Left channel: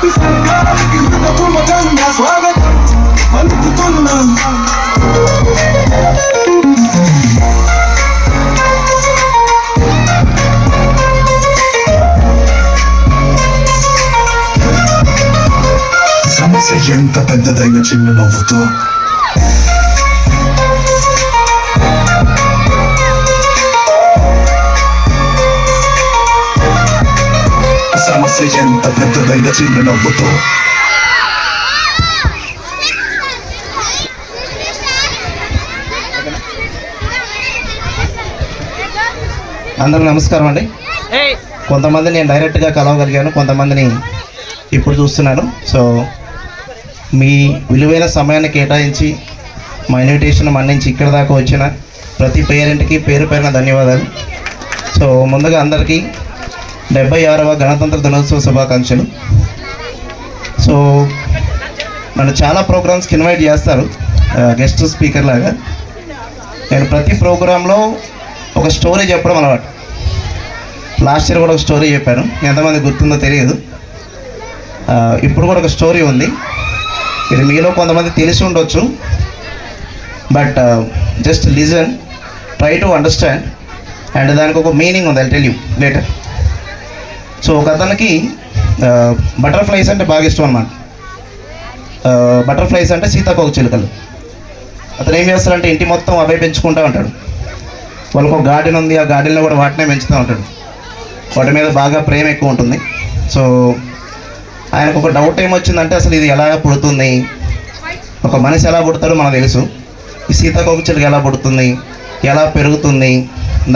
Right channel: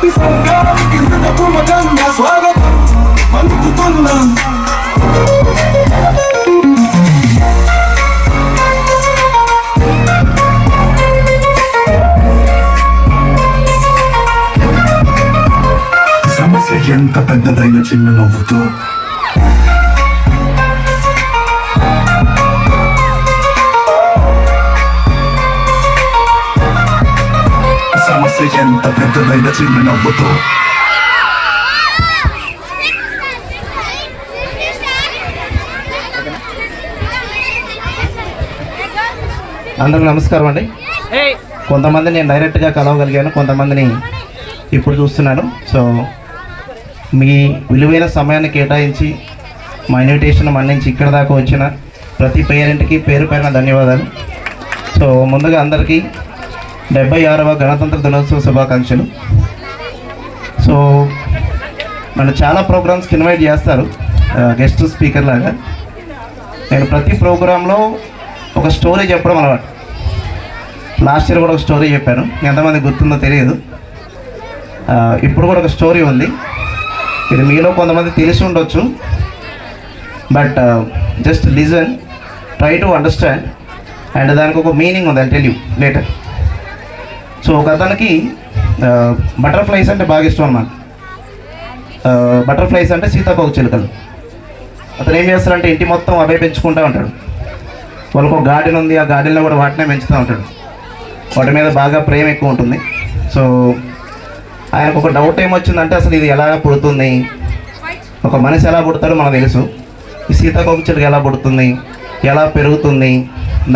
సమస్య ఎంత పెద్దదైన చిన్న నవ్వుతో సమస్య ఎంత పెద్దదైన చిన్న నవ్వుతో అందరికి నమస్కారం అండి. కొంతమంది నేను డైరెక్ట్గా కలవగలిగాను, కొంతమందిని ఇప్పుడు చూస్తున్నాను. సో మీ విలువైన సమయాన్ని కేటాయించి మా ఇన్విటేషన్ మన్నించి ఇక్కడ దాకా వచ్చిన ప్రతి పేరెంట్కి పేరు పేరున ధన్యవాదాలు. సో ముందుగా అందరికీ 76వ గణతంత్ర దినోత్సవ శుభాకాంక్షలు. సో నన్ను చాలా ప్రోగ్రామ్స్కి ఇన్వైట్ చేస్తారు గెస్ట్ స్పీకర్ లాగా. నేను ప్రతి ప్రోగ్రాంలో ఒక స్టోరీ చెప్పడం అలవాటు. లాస్ట్ ఇయర్ కూడా ఒక స్టోరీ చెప్పాను, ఎంతమంది గుర్తుందో తెలియదు. ఇప్పుడు కూడా ఒక స్టోరీ ఉంది, ఇది మీలో కొంతమంది తెలిసి ఉండొచ్చు. But just listen, try to understand, and దానికి ఒక మీనింగ్ ఉంది, I tell you later. So ఒక అతనికి బటర్ఫ్లైస్ అంటే బాగా ఇష్టం అన్నమాట. బటర్ఫ్లైస్ అంటే సీతాకోక చిలుకలు. అతను ఏం చేస్తాడంటే ఇంటి మొత్తం అవే పెంచుకుంటూ ఉంటాడు. వాళ్ళకు ఒక గార్డెన్ ఉంది, ఆ గార్డెన్లో కూడా వాటినే పెంచుతూ ఉంటాడు. వాటి మీద బాగా ప్రేమ ఎక్కువ ఉంటుంది. సో ఆయనకు ఒక డౌట్ ఏమొచ్చిందంటే అసలు ఇది ఎలా పుడుతుంది, ఒక మనిషి ఎలా పుడతాడో మనకు తెలుసు, ఈ సీతాకోక చిలుక ఎలా పుడుతుంది, ఎలా పెరుగుతుంది,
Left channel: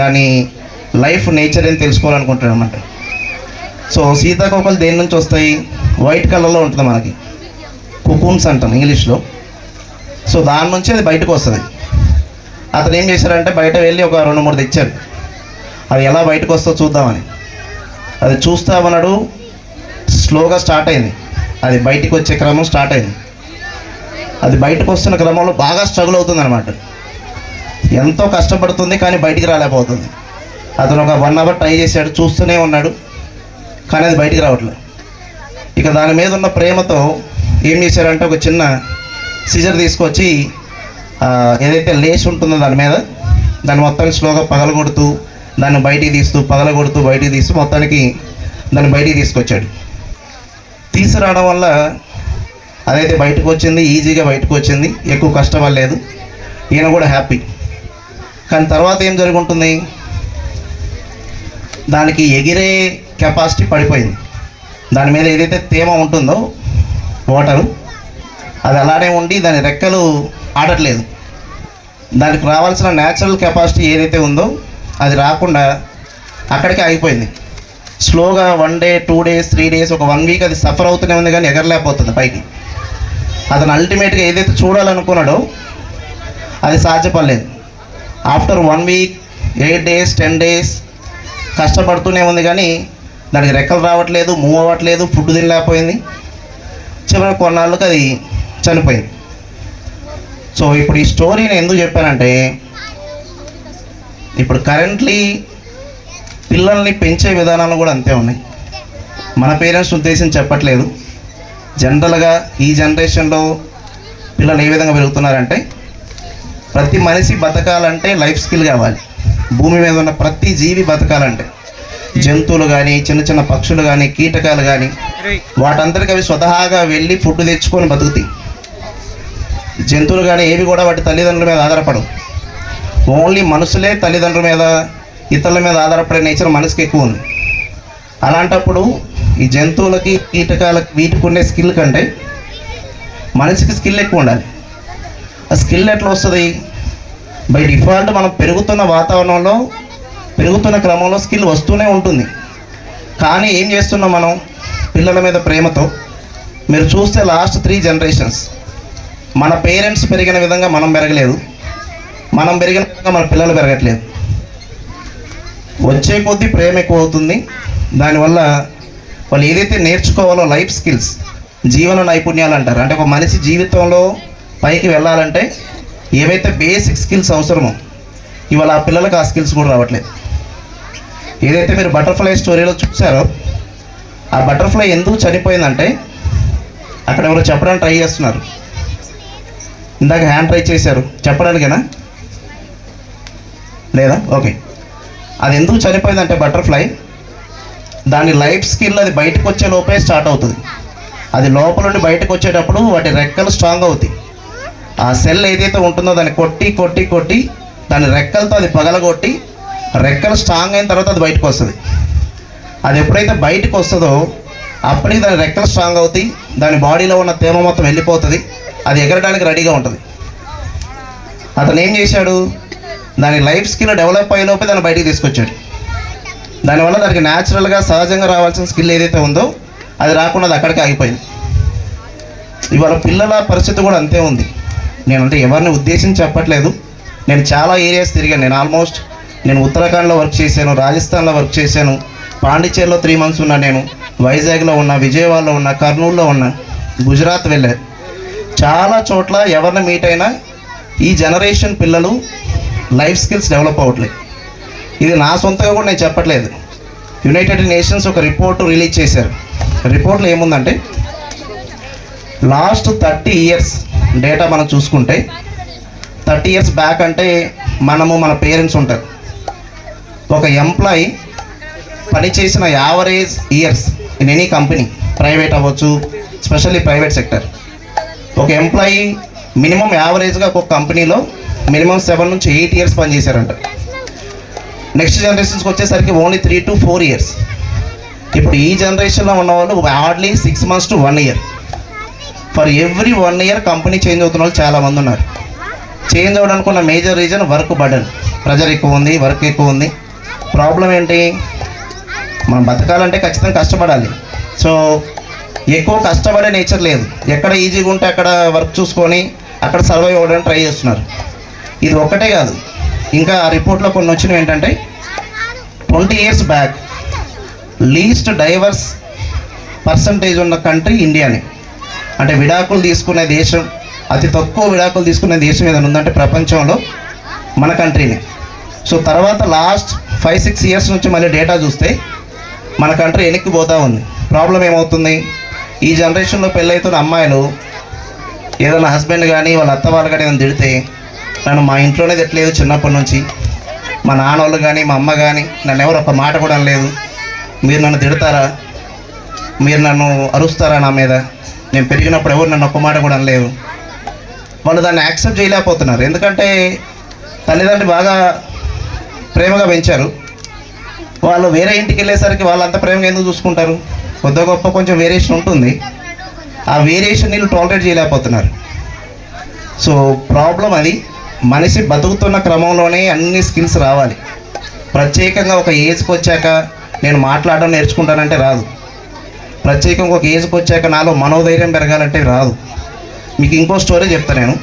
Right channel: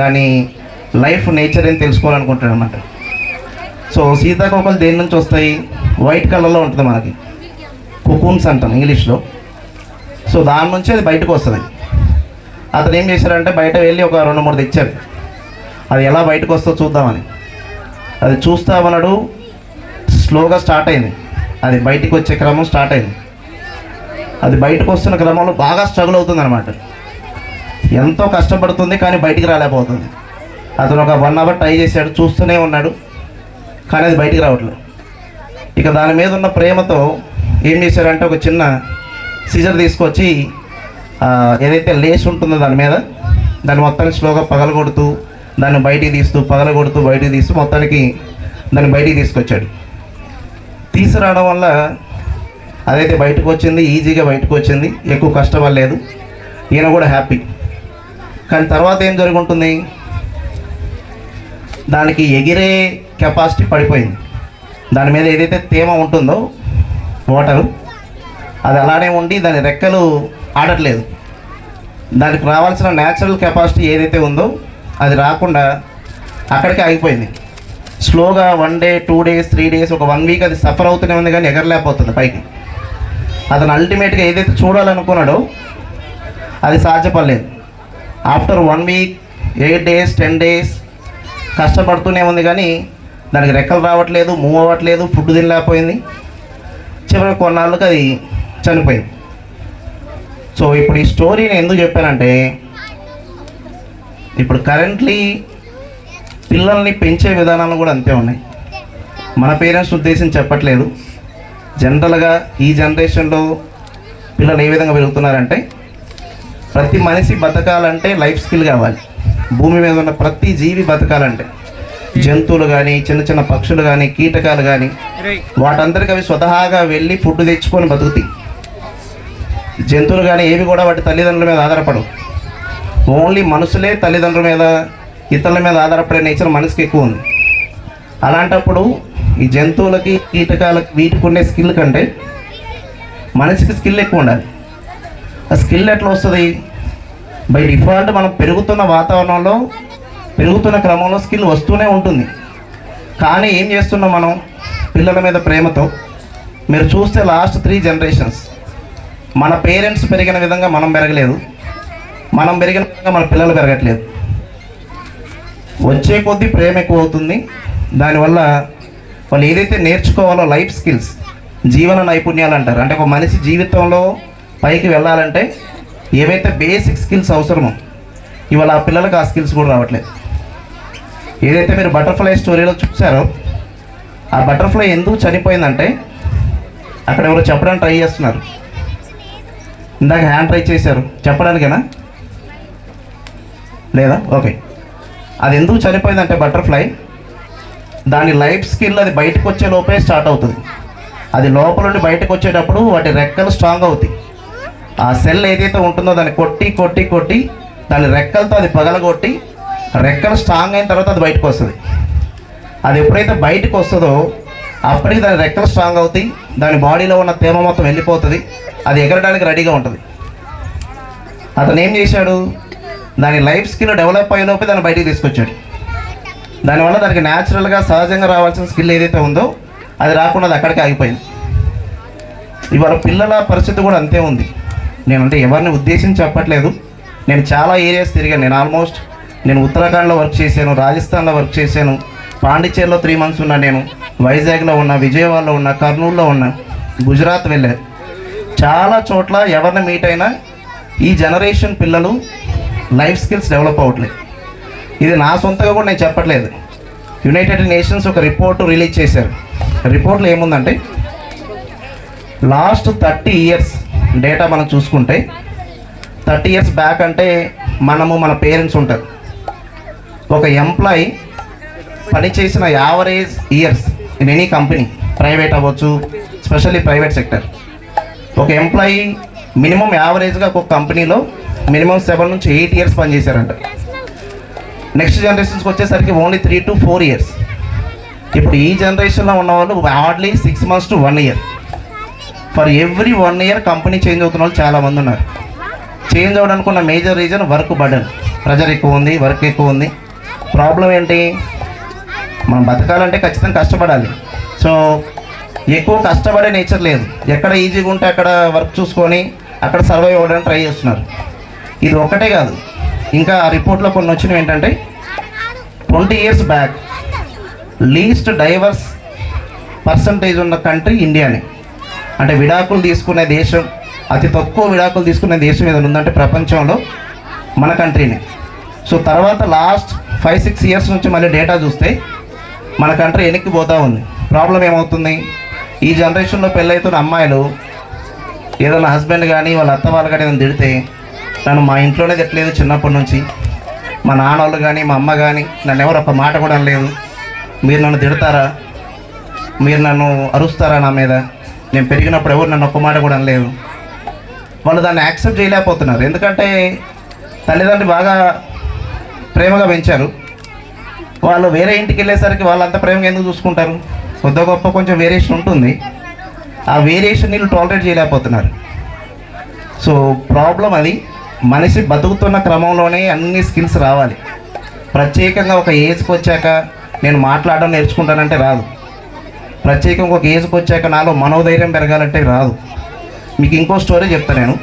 దాని లైఫ్ నేచర్ అని తెలుసుకోవాలనుకుంటాడు అన్నమాట. సో సీతాకోకలు దేని నుంచి వస్తాయి, వైట్ కలర్లో ఉంటుంది మనకి, కుకూన్స్ అంటాం ఇంగ్లీష్లో. సో దాని నుంచి అది బయటకు వస్తుంది. అతను ఏం చేశారంటే బయట వెళ్ళి ఒక 2-3 తెచ్చారు, అది ఎలా బయటకు వస్తుందో చూద్దామని. అది చూస్తామన్నాడు, స్లోగా స్టార్ట్ అయింది, అది బయటికి వచ్చే క్రమం స్టార్ట్ అయింది. అది బయటకు వస్తున్న క్రమంలో బాగా స్ట్రగుల్ అవుతుంది అనమాట. ఎంతో కష్టపడుతుంది కానీ బయటికి రాలేకపోతుంది. అతను ఒక 1 అవర్ ట్రై చేశాడు, చూస్తూనే ఉన్నాడు, కానీ అది బయటికి రావట్లేదు. ఇక దాని మీద ఉన్న ప్రేమతో ఏం చేశారంటే ఒక చిన్న సిజర్ తీసుకొచ్చి ఏదైతే లేస్ ఉంటుందో దాని మీద, దాన్ని మొత్తానికి స్లోగా పగలగొడుతూ దాన్ని బయటికి తీస్తూ పగలగొడుతూ బయటికి తీస్తూ మొత్తానికి దాన్ని బయటికి తీసుకొచ్చాడు. తీసుకురావడం వల్ల అదైతే బయటకు వచ్చింది, ఈజీగా బయటకు వచ్చింది, ఎక్కువ కష్టపడలేదు, ఈయన కూడా హ్యాపీ. కానీ తర్వాత ఏం జరుగుతుంది, దానికి ఎగిరే కెపాసిటీ పడిపోయింది. దాని మీద ఏదైతే తేమ ఉంటుందో వాటర్, అది అలానే ఉండి దాని రెక్కలు ఆడట్లేదు. దానికి రావాల్సిన న్యాచురల్ కెపాసిటీ ఏదైతే ఉందో అది రాకుండా అక్కడికి ఆగిపోయింది. స్లోగా 1 డే 2 డేస్ 3 డేస్ ఒక 1 వీక్ అది సఫర్ అవుతూనే ఉంది, కానీ ఎగరలేకపోతుంది పైకి. అతను అల్టిమేట్గా ఏదైతే చూడాలనుకున్నాడో అది సాధ్యపడలేదు. ఆఫ్టర్ 1 వీక్ 8 డేస్ 10 డేస్ కష్టపడుతూనే ఉంది, కానీ దానికి రెక్కలు రావట్లేదు, మూవ్ అవ్వట్లేదు, ఫుడ్ తినలేకపోయింది. చివరికి కొన్నాళ్ళకి అది చనిపోయింది. సో ఇప్పుడు ఈ స్టోరీని ఎందుకు చెప్పానంటే, ఇప్పుడు కరెంట్లీ పిల్లల్ని పెంచే విధానాలు కూడా అంతే ఉన్నాయి. మన పేరెంట్స్ ఉద్దేశం చెప్పట్లేదు, జనరల్గా ఈ జనరేషన్లో పిల్లలు ఏ విధంగా పెరుగుతున్నారంటే, ప్రతి మనిషి బతకాలంటే లైఫ్ స్కిల్ కావాలి. భూమి మీద ఉన్న ప్రతి జీవి బతకాలంటే, జంతువులు కానీ చిన్న చిన్న పక్షులు కానీ కీటకాలు కానీ వాటందరికీ అవి స్వతహాగా వెళ్ళి ఫుడ్ తెచ్చుకొని బతుకుతాయి. జంతువులు కానీ ఏవి కూడా వాటి తల్లిదండ్రుల మీద ఆధారపడవు. ఓన్లీ మనుషులే తల్లిదండ్రుల మీద ఇతరుల మీద ఆధారపడే నేచర్ మనిషికి ఎక్కువ ఉంది. అలాంటప్పుడు ఈ జంతువులకి కీటకాలకి వీటికి ఉండే స్కిల్ కంటే మనిషికి స్కిల్ ఎక్కువ ఉండాలి. ఆ స్కిల్ ఎట్లా వస్తుంది, బై డిఫాల్ట్ మనం పెరుగుతున్న వాతావరణంలో పెరుగుతున్న క్రమంలో స్కిల్ వస్తూనే ఉంటుంది. కానీ ఏం చేస్తున్నాం మనం పిల్లల మీద ప్రేమతో, మీరు చూస్తే లాస్ట్ 3 జనరేషన్స్ మన పేరెంట్స్ పెరిగిన విధంగా మనం పెరగలేదు, మనం పెరిగిన విధంగా మన పిల్లలు పెరగట్లేదు. వచ్చే కొద్దీ ప్రేమ ఎక్కువ అవుతుంది. దానివల్ల వాళ్ళు ఏదైతే నేర్చుకోవాలో లైఫ్ స్కిల్స్, జీవన నైపుణ్యాలు అంటారు, అంటే ఒక మనిషి జీవితంలో పైకి వెళ్ళాలంటే ఏవైతే బేసిక్ స్కిల్స్ అవసరమో ఇవాళ ఆ పిల్లలకు ఆ స్కిల్స్ కూడా రావట్లేదు. ఏదైతే మీరు బటర్ఫ్లై స్టోరీలో చూసారో, ఆ బటర్ఫ్లై ఎందుకు చనిపోయిందంటే అక్కడ ఎవరో చెప్పడానికి ట్రై చేస్తున్నారు. ఇందాక హ్యాండ్ ట్రై చేశారు, చెప్పడానికేనా? లేదా? ఓకే. అది ఎందుకు చనిపోయిందంటే బటర్ఫ్లై దాని లైఫ్ స్కిల్ అది బయటకు వచ్చే లోపే స్టార్ట్ అవుతుంది. అది లోపల నుండి బయటకు వచ్చేటప్పుడు వాటి రెక్కలు స్ట్రాంగ్ అవుతాయి. ఆ సెల్ ఏదైతే ఉంటుందో దాన్ని కొట్టి కొట్టి కొట్టి దాని రెక్కలతో అది పగలగొట్టి రెక్కలు స్ట్రాంగ్ అయిన తర్వాత అది బయటకు వస్తుంది. అది ఎప్పుడైతే బయటకు వస్తుందో అప్పటికి దాని రెక్కలు స్ట్రాంగ్ అవుతాయి, దాని బాడీలో ఉన్న తేమ మొత్తం వెళ్ళిపోతుంది, అది ఎగరడానికి రెడీగా ఉంటుంది. అతను ఏం చేశాడు, దాని లైఫ్ స్కిల్ డెవలప్ అయ్యేలోపే దాన్ని బయటికి తీసుకొచ్చాడు. దానివల్ల దానికి న్యాచురల్గా సహజంగా రావాల్సిన స్కిల్ ఏదైతే ఉందో అది రాకుండా అది అక్కడికి ఆగిపోయింది. ఇవాళ పిల్లల పరిస్థితి కూడా అంతే ఉంది. నేనంటే ఎవరిని ఉద్దేశించి చెప్పట్లేదు. నేను చాలా ఏరియాస్ తిరిగాను. నేను ఉత్తరాఖండ్లో వర్క్ చేశాను, రాజస్థాన్లో వర్క్ చేశాను, పాండిచేరిలో 3 months ఉన్నా, నేను వైజాగ్లో ఉన్నా, విజయవాడలో ఉన్నా, కర్నూలులో ఉన్నా, గుజరాత్ వెళ్ళాను. చాలా చోట్ల ఎవరిని మీట్ అయినా ఈ జనరేషన్ పిల్లలు లైఫ్ స్కిల్స్ డెవలప్ అవ్వట్లేదు. ఇది నా సొంతగా కూడా నేను చెప్పట్లేదు. యునైటెడ్ నేషన్స్ ఒక రిపోర్ట్ రిలీజ్ చేశారు. రిపోర్ట్లో ఏముందంటే లాస్ట్ 30 years డేటా మనం చూసుకుంటే 30 years బ్యాక్ అంటే మన పేరెంట్స్ ఉంటారు. ఒక ఎంప్లాయీ పనిచేసిన average years in any company, private అవ్వచ్చు, స్పెషల్లీ ప్రైవేట్ సెక్టర్, ఒక ఎంప్లాయీ మినిమం యావరేజ్గా ఒక కంపెనీలో మినిమం 7 నుంచి 8 years పనిచేశారంట. నెక్స్ట్ జనరేషన్స్కి వచ్చేసరికి ఓన్లీ 3 to 4 years. ఇప్పుడు ఈ జనరేషన్లో ఉన్న వాళ్ళు hardly 6 months to 1 year. For every 1 year company change అవుతున్న వాళ్ళు చాలామంది ఉన్నారు. చేంజ్ అవ్వడానికి ఉన్న major reason work burden, pressure ఎక్కువ ఉంది, వర్క్ ఎక్కువ ఉంది. ప్రాబ్లం ఏంటి, మనం బతకాలంటే ఖచ్చితంగా కష్టపడాలి. సో ఎక్కువ కష్టపడే నేచర్ లేదు. ఎక్కడ ఈజీగా ఉంటే అక్కడ వర్క్ చూసుకొని అక్కడ సర్వైవ్ అవ్వడానికి ట్రై చేస్తున్నారు. ఇది ఒక్కటే కాదు, ఇంకా ఆ రిపోర్ట్లో కొన్ని వచ్చినవి ఏంటంటే 20 years back least divorce percentage ఉన్న కంట్రీ ఇండియాని. అంటే విడాకులు తీసుకునే దేశం, అతి తక్కువ విడాకులు తీసుకునే దేశం ఏదైనా ఉందంటే ప్రపంచంలో మన కంట్రీని. సో తర్వాత లాస్ట్ 5-6 years నుంచి మళ్ళీ డేటా చూస్తే మన కంట్రీ వెనక్కి పోతూ ఉంది. ప్రాబ్లం ఏమవుతుంది, ఈ జనరేషన్లో పెళ్ళైతున్న అమ్మాయిలు ఏదైనా హస్బెండ్ కానీ వాళ్ళ అత్త వాళ్ళు కానీ ఏదైనా తిడితే, నన్ను మా ఇంట్లోనే తిట్టలేదు చిన్నప్పటి నుంచి, మా నాన్న వాళ్ళు కానీ మా అమ్మ కానీ నన్ను ఎవరు ఒక మాట కూడా అనలేదు, మీరు నన్ను తిడతారా, మీరు నన్ను అరుస్తారా నా మీద, నేను పెరిగినప్పుడు ఎవరు నన్ను ఒక్క మాట కూడా అనలేదు. వాళ్ళు దాన్ని యాక్సెప్ట్ చేయలేకపోతున్నారు. ఎందుకంటే తల్లిదండ్రులు బాగా ప్రేమగా పెంచారు. వాళ్ళు వేరే ఇంటికి వెళ్ళేసరికి వాళ్ళు అంత ప్రేమగా ఎందుకు చూసుకుంటారు, కొద్ది గొప్ప కొంచెం వేరియేషన్ ఉంటుంది. ఆ వేరియేషన్ వీళ్ళు టాలరేట్ చేయలేకపోతున్నారు. సో ప్రాబ్లం అది. మనిషి బతుకుతున్న క్రమంలోనే అన్ని స్కిల్స్ రావాలి. ప్రత్యేకంగా ఒక ఏజ్కి వచ్చాక నేను మాట్లాడడం నేర్చుకుంటానంటే రాదు. ప్రత్యేకంగా ఒక ఏజ్కి వచ్చాక నాలో మనోధైర్యం పెరగాలంటే రాదు. మీకు ఇంకో స్టోరీ చెప్తాను నేను.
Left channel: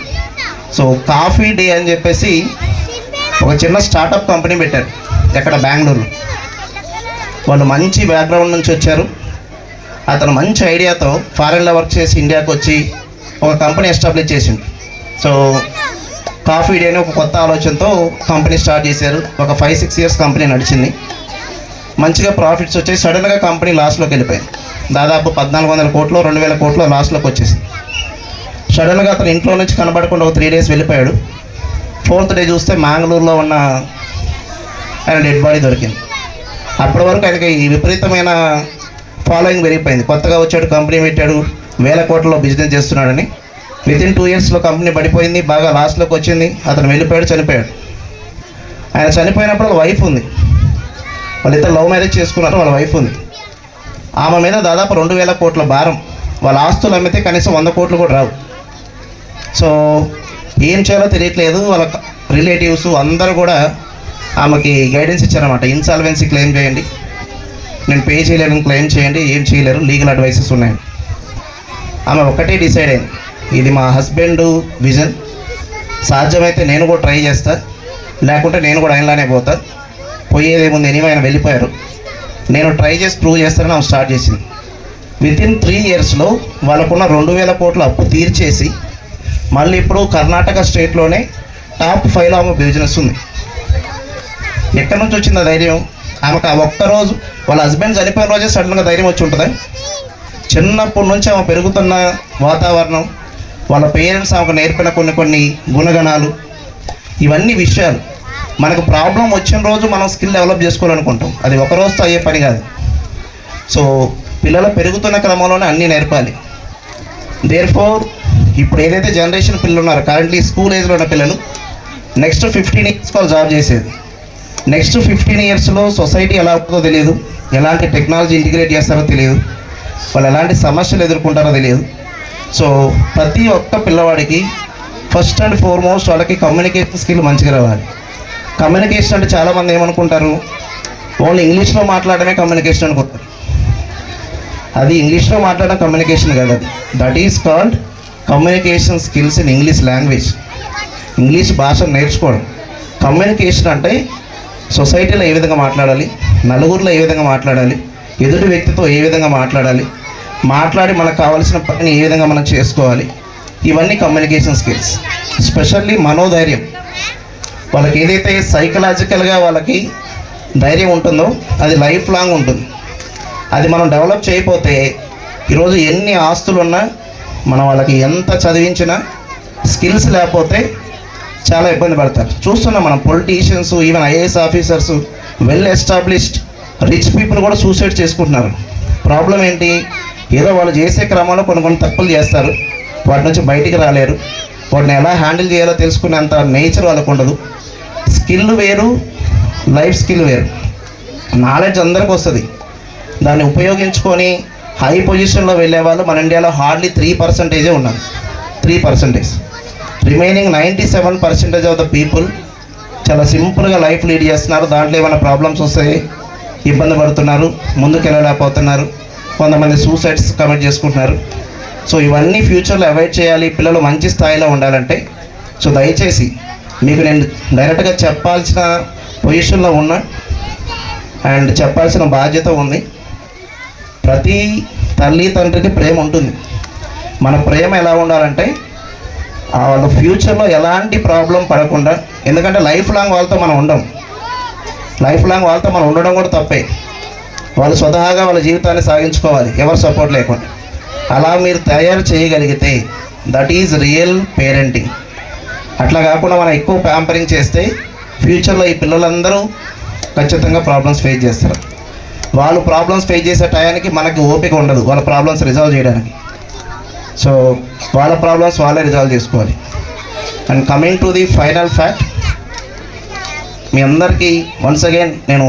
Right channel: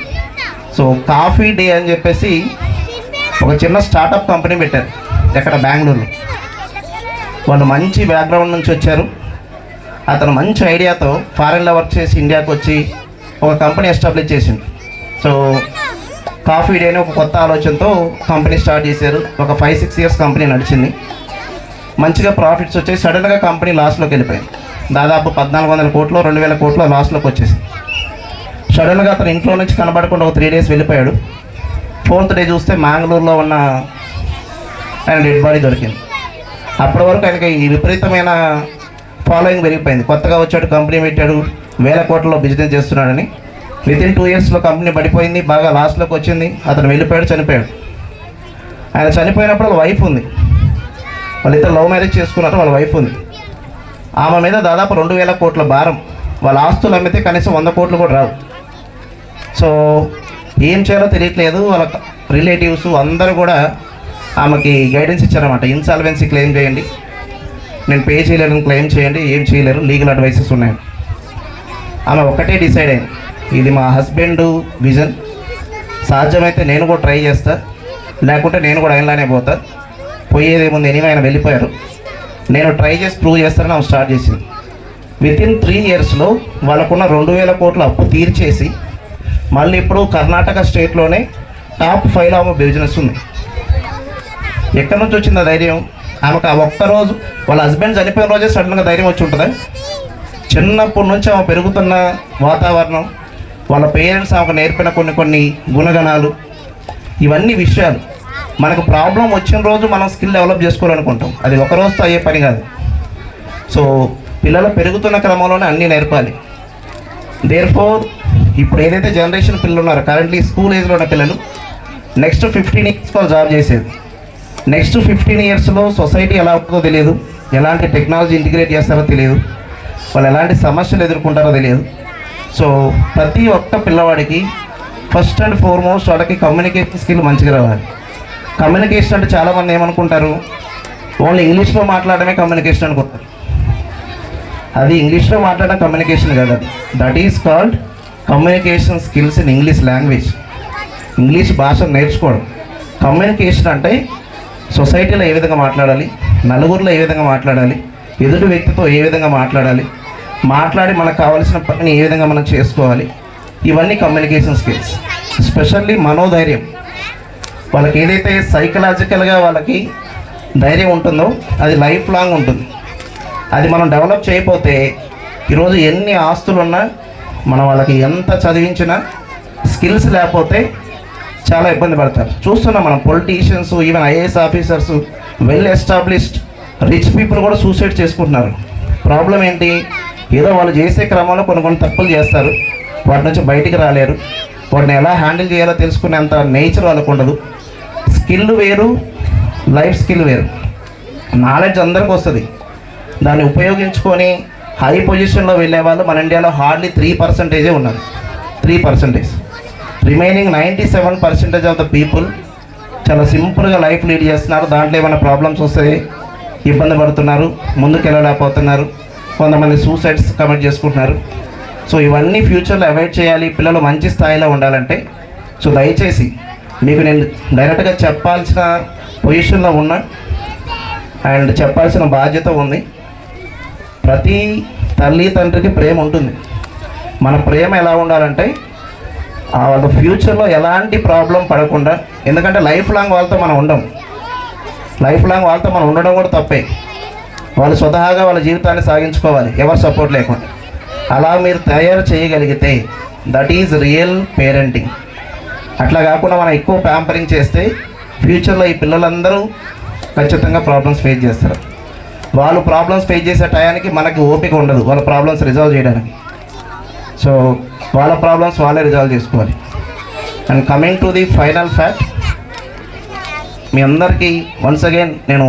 సో కాఫీ డే అని చెప్పేసి ఒక చిన్న స్టార్టప్ కంపెనీ పెట్టారు ఎక్కడ, బెంగళూరులో. వాళ్ళు మంచి బ్యాక్గ్రౌండ్ నుంచి వచ్చారు. అతను మంచి ఐడియాతో ఫారెన్లో వర్క్ చేసి ఇండియాకి వచ్చి ఒక కంపెనీ ఎస్టాబ్లిష్ చేసిండు. సో కాఫీ డే అని ఒక కొత్త ఆలోచనతో కంపెనీ స్టార్ట్ చేశారు. ఒక 5-6 years కంపెనీ నడిచింది. మంచిగా ప్రాఫిట్స్ వచ్చేసి సడన్గా కంపెనీ లాస్లోకి వెళ్ళిపోయింది. దాదాపు 1400 కోట్లు 2000 కోట్లు లాస్లోకి వచ్చేసింది. సడన్గా అతను ఇంట్లో నుంచి కనబడకుండా ఒక 3 days వెళ్ళిపోయాడు. 4th day చూస్తే మ్యాంగ్లూరులో ఉన్న ఆయన డెడ్ బాడీ దొరికింది. అప్పటి వరకు ఆయనకి ఈ విపరీతమైన ఫాలోయింగ్ పెరిగిపోయింది. కొత్తగా వచ్చాడు, కంపెనీ పెట్టాడు, 1000 కోట్లలో బిజినెస్ చేస్తున్నాడని. వితిన్ 2 yearsలో కంపెనీ పడిపోయింది, బాగా లాస్ట్లోకి వచ్చింది. అతను వెళ్ళిపోయాడు, చనిపోయాడు. ఆయన చనిపోయినప్పుడు వాళ్ళ వైఫ్ ఉంది. వాళ్ళిద్దరు లవ్ మ్యారేజ్ చేసుకున్నారు. వాళ్ళ వైఫ్ ఉంది. ఆమె మీద దాదాపు 2000 కోట్ల భారం. వాళ్ళ ఆస్తులు అమ్మితే కనీసం 100 కోట్లు కూడా రావు. సో ఏం చేయాలో తెలియట్లేదు. వాళ్ళ రిలేటివ్స్ అందరూ కూడా ఆమెకి గైడెన్స్ ఇచ్చారన్నమాట. ఇన్సాల్వెన్సీ క్లెయిమ్ చేయండి, నేను పే చేయలేను క్లెయిమ్ చేయండి, ఏం చేయలేరు, లీగల్ అడ్వైసెస్ ఉన్నాయి. ఆమె ఒకటే డిసైడ్ అయింది, ఇది మా హస్బెండ్ విజన్, సాధ్యమైతే నేను కూడా ట్రై చేస్తా, లేకుంటే నేను కూడా ఆయనలానే పోతా, పోయేదేముంది, ఎనివే ఆయన వెళ్ళిపోయారు, నేను ట్రై చేసి ప్రూవ్ చేస్తానని ఆమె స్టార్ట్ చేసింది. వితిన్ 3 yearsలో వాళ్ళకున్న 2000 కోట్ల అప్పు తీర్చేసి మళ్ళీ ఇప్పుడు కర్ణాటక స్టేట్లోనే టాప్ 5లో ఆమె బిజినెస్ ఉంది. ఎక్కడి నుంచి వచ్చింది ఆ ధైర్యం ఆమెకు? ఆ ఒక్కరోజు వాళ్ళ హస్బెండ్ చనిపోయిన రోజే సడన్గా ధైర్యం వచ్చి ఉంటుందా? చిన్నప్పటి నుంచి ఆమె పెరుగుతున్న వాతావరణం, వాళ్ళ పేరెంట్స్ ఆమెకు నేర్పిన కొన్ని గుణగణాలు, ఇవన్నీ విషయాలు మనకు ప్రాబ్లం వచ్చిన రోజు మనం స్కిల్ డెవలప్ చేసుకోవాలనుకుంటాం. అది ఒక రోజుతో అయ్యే పని కాదు. సో పిల్లలు పెరుగుతున్న క్రమంలోనే అన్నీ నేర్పాలి. దేర్ఫోర్ ఇప్పుడు ఏదైతే జనరేషన్ పిల్లలు ఉన్నారో, కరెంట్లీ స్కూల్ ఏజ్లో ఉన్న పిల్లలు, నెక్స్ట్ 15 ఇయర్స్ వాళ్ళు జాబ్ చేసేది. నెక్స్ట్ 15 ఇయర్స్లో సొసైటీ ఎలా ఉంటుందో తెలియదు, ఎలాంటి టెక్నాలజీ ఇంటిగ్రేట్ చేస్తారో తెలియదు, వాళ్ళు ఎలాంటి సమస్యలు ఎదుర్కొంటారో తెలియదు. సో ప్రతి ఒక్క పిల్లవాడికి ఫస్ట్ అండ్ ఫార్మోస్ట్ వాళ్ళకి కమ్యూనికేషన్ స్కిల్ మంచిగా రావాలి. కమ్యూనికేషన్ అంటే చాలామంది ఏమనుకుంటారు, ఓన్లీ ఇంగ్లీష్లో మాట్లాడమే కమ్యూనికేషన్ అనుకుంటారు. అది ఇంగ్లీష్లో మాట్లాడడం కమ్యూనికేషన్ కాదు, అది that is called communication skills in English language. English భాషను నేర్చుకోవడం. కమ్యూనికేషన్ అంటే సొసైటీలో ఏ విధంగా మాట్లాడాలి, నలుగురిలో ఏ విధంగా మాట్లాడాలి, ఎదుటి వ్యక్తితో ఏ విధంగా మాట్లాడాలి, మాట్లాడి మనకు కావాల్సిన పనిని ఏ విధంగా మనం చేసుకోవాలి, ఇవన్నీ కమ్యూనికేషన్ స్కిల్స్. స్పెషల్లీ మనోధైర్యం, వాళ్ళకి ఏదైతే సైకలాజికల్గా వాళ్ళకి ధైర్యం ఉంటుందో అది లైఫ్ లాంగ్ ఉంటుంది. అది మనం డెవలప్ చేయకపోతే ఈరోజు ఎన్ని ఆస్తులు ఉన్నా, మనం వాళ్ళకి ఎంత చదివించినా స్కిల్స్ లేకపోతే చాలా ఇబ్బంది పడతారు. చూస్తున్నాం మనం politicians, even IAS officers, well established rich people కూడా సూసైడ్ చేసుకుంటున్నారు. ప్రాబ్లం ఏంటి? ఏదో వాళ్ళు చేసే క్రమంలో కొన్ని తప్పులు చేస్తారు, వాటి నుంచి బయటికి రాలేరు, వాటిని ఎలా హ్యాండిల్ చేయాలో తెలుసుకునేంత నేచర్ వాళ్ళకు ఉండదు. స్కిల్ వేరు, లైఫ్ స్కిల్ వేరు. నాలెడ్జ్ అందరికీ వస్తుంది, దాన్ని ఉపయోగించుకొని హై పొజిషన్లో వెళ్ళే వాళ్ళు మన ఇండియాలో హార్డ్లీ 3% ఉన్నారు. 3%. రిమైనింగ్ 97% ఆఫ్ ద పీపుల్ చాలా సింపుల్గా లైఫ్ లీడ్ చేస్తున్నారు. దాంట్లో ఏమైనా ప్రాబ్లమ్స్ వస్తాయి, ఇబ్బంది పడుతున్నారు, ముందుకు వెళ్ళలేకపోతున్నారు, కొంతమంది సూసైడ్స్ కమిట్ చేసుకుంటున్నారు. సో ఇవన్నీ ఫ్యూచర్లో అవాయిడ్ చేయాలి, పిల్లలు మంచి స్థాయిలో ఉండాలంటే. సో దయచేసి మీకు నేను డైరెక్ట్గా చెప్పాల్సిన పొజిషన్లో ఉన్నా అండ్ చెప్పాల్సిన బాధ్యత ఉంది. ప్రతి తల్లి తండ్రికి ప్రేమ ఉంటుంది. మన ప్రేమ ఎలా ఉండాలంటే వాళ్ళ ఫ్యూచర్లో ఎలాంటి ప్రాబ్లం పడకుండా, ఎందుకంటే లైఫ్ లాంగ్ వాళ్ళతో మనం ఉండం, లైఫ్ లాంగ్ వాళ్ళతో మనం ఉండడం కూడా తప్పే. వాళ్ళు స్వతహాగా వాళ్ళ జీవితాన్ని సాగించుకోవాలి ఎవరు సపోర్ట్ లేకుండా. అలా మీరు తయారు చేయగలిగితే దట్ ఈజ్ రియల్ పేరెంటింగ్. అట్లా కాకుండా మనం ఎక్కువ ప్యాంపరింగ్ చేస్తే ఫ్యూచర్లో ఈ పిల్లలందరూ ఖచ్చితంగా ప్రాబ్లమ్స్ ఫేస్ చేస్తారు. వాళ్ళు ప్రాబ్లమ్స్ ఫేస్ చేసే టయానికి మనకి ఓపిక ఉండదు వాళ్ళ ప్రాబ్లమ్స్ రిజాల్వ్ చేయడానికి. సో వాళ్ళ ప్రాబ్లమ్స్ వాళ్ళే రిజాల్వ్ చేసుకోవాలి. And coming to the final fact, మీ అందరికీ వన్స్ అగైన్ నేను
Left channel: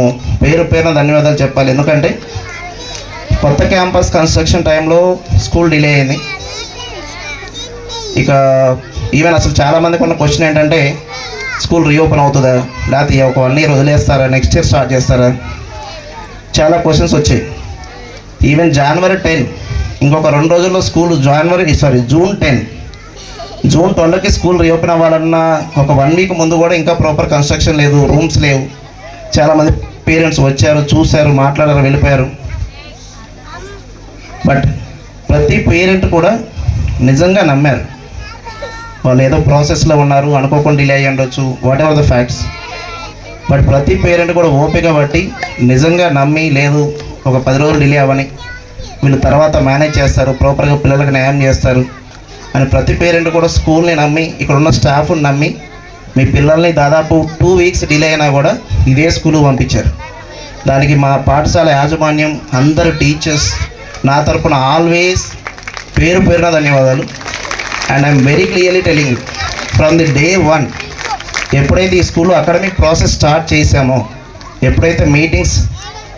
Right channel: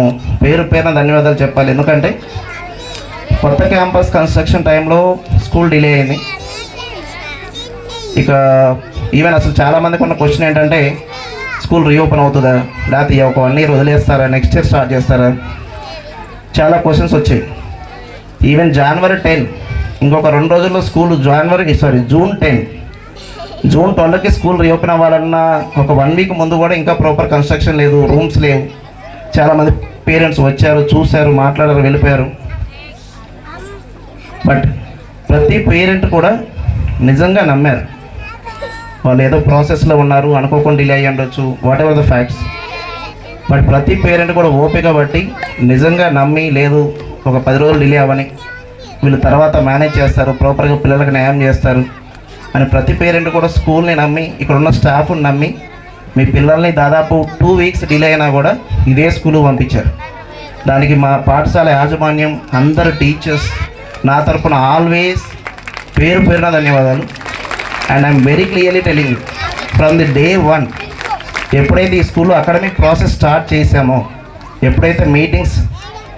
పేరున ధన్యవాదాలు చెప్పాలి. ఎందుకంటే కొత్త క్యాంపస్ కన్స్ట్రక్షన్ టైంలో స్కూల్ డిలే అయింది. ఇక ఈవెన్ అసలు చాలామందికి ఉన్న క్వశ్చన్ ఏంటంటే స్కూల్ రీఓపెన్ అవుతుందా, లేకపోతే ఒక 1 year వదిలేస్తారా, నెక్స్ట్ ఇయర్ స్టార్ట్ చేస్తారా, చాలా క్వశ్చన్స్ వచ్చాయి. ఈవెన్ January 10 ఇంకొక 2 రోజుల్లో స్కూల్ జూన్ 12కి స్కూల్ రీఓపెన్ అవ్వాలన్న ఒక 1 week ముందు కూడా ఇంకా ప్రాపర్ కన్స్ట్రక్షన్ లేదు, రూమ్స్ లేవు. చాలామంది పేరెంట్స్ వచ్చారు, చూశారు, మాట్లాడారు, వెళ్ళిపోయారు. బట్ ప్రతి పేరెంట్ కూడా నిజంగా నమ్మారు. వాళ్ళు ఏదో ప్రాసెస్లో ఉన్నారు, అనుకోకుండా డిలే అయ్యి ఉండొచ్చు, what ever the facts. But ప్రతి పేరెంట్ కూడా ఓపిక బట్టి నిజంగా నమ్మి, లేదు ఒక 10 రోజులు డిలే అవ్వని, వీళ్ళు తర్వాత మేనేజ్ చేస్తారు, ప్రాపర్గా పిల్లలకు న్యాయం చేస్తారు అని ప్రతి పేరెంట్ కూడా స్కూల్ని నమ్మి, ఇక్కడ ఉన్న స్టాఫ్ని నమ్మి మీ పిల్లల్ని దాదాపు 2 weeks డిలే అయినా కూడా ఇదే స్కూల్ పంపించారు. దానికి మా పాఠశాల యాజమాన్యం, అందరు టీచర్స్ నా తరపున ఆల్వేస్ పేరున ధన్యవాదాలు. And I'm very clearly telling you, from the day 1 ఎప్పుడైతే ఈ స్కూల్లో అకాడమిక్ ప్రాసెస్ స్టార్ట్ చేశామో, ఎప్పుడైతే మీటింగ్స్,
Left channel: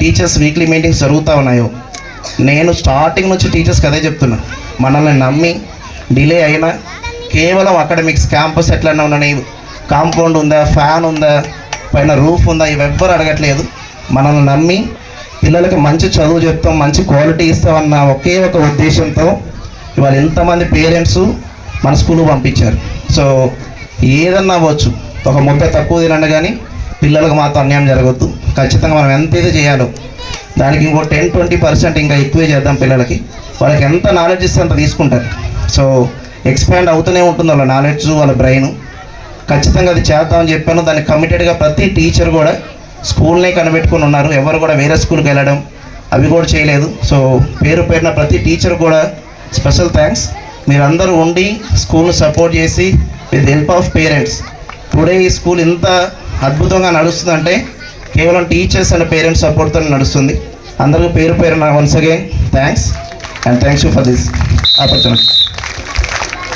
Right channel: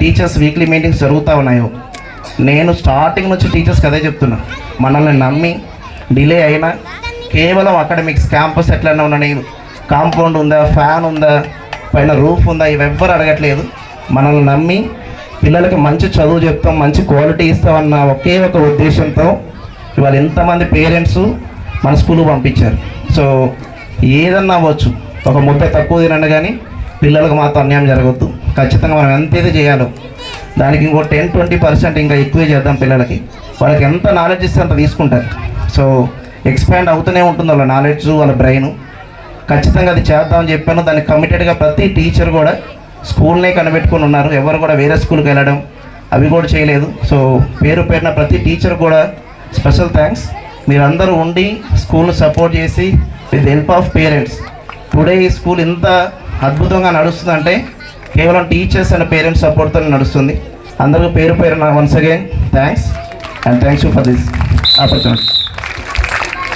టీచర్స్ వీక్లీ మీటింగ్స్ జరుగుతూ ఉన్నాయో, నేను స్టార్టింగ్ నుంచి టీచర్స్కి అదే చెప్తున్నా, మనల్ని నమ్మి డిలే అయినా కేవలం అకాడమిక్స్, క్యాంపస్ ఎట్లన్నా ఉండని, కాంపౌండ్ ఉందా, ఫ్యాన్ ఉందా, పైన రూఫ్ ఉందా, ఇవెవ్వరు అడగట్లేదు. మనల్ని నమ్మి పిల్లలకి మంచి చదువు చెప్తాం, మంచి క్వాలిటీ ఇస్తామన్న ఒకే ఒక ఉద్దేశంతో ఇవాళ ఎంతమంది పేరెంట్స్ మన స్కూల్కి పంపించారు. సో ఏదన్నా అవ్వచ్చు, ఒక ముద్ద తక్కువ తినండి కానీ పిల్లలకు మాత్రం అన్యాయం జరగద్దు. ఖచ్చితంగా మనం ఎంత ఇది చేయాలో దానికి ఇంకో 10-20% ఇంకా ఎక్కువే చేద్దాం. పిల్లలకి వాళ్ళకి ఎంత నాలెడ్జ్ ఇస్తే అంత తీసుకుంటారు. సో ఎక్స్పాండ్ అవుతూనే ఉంటుంది వాళ్ళ నాలెడ్జ్, వాళ్ళ బ్రెయిన్. ఖచ్చితంగా అది చేద్దామని చెప్పాను. దానికి కమిటెడ్గా ప్రతి టీచర్ కూడా స్కూల్నే కనిపెట్టుకుని ఉన్నారు. ఎవరు కూడా వేరే స్కూల్కి వెళ్ళడం అవి కూడా చేయలేదు. సో పేరు పేరున ప్రతి టీచర్ కూడా స్పెషల్ థ్యాంక్స్. మీరందరూ ఉండి స్కూల్ను సపోర్ట్ చేసి with help of parents today ఈ స్కూల్ ఇంత అద్భుతంగా నడుస్తుందంటే కేవలం టీచర్స్ అండ్ పేరెంట్స్ సపోర్ట్తో నడుస్తుంది. అందరికీ పేరు పేరున once again thanks and thanks you for this opportunity.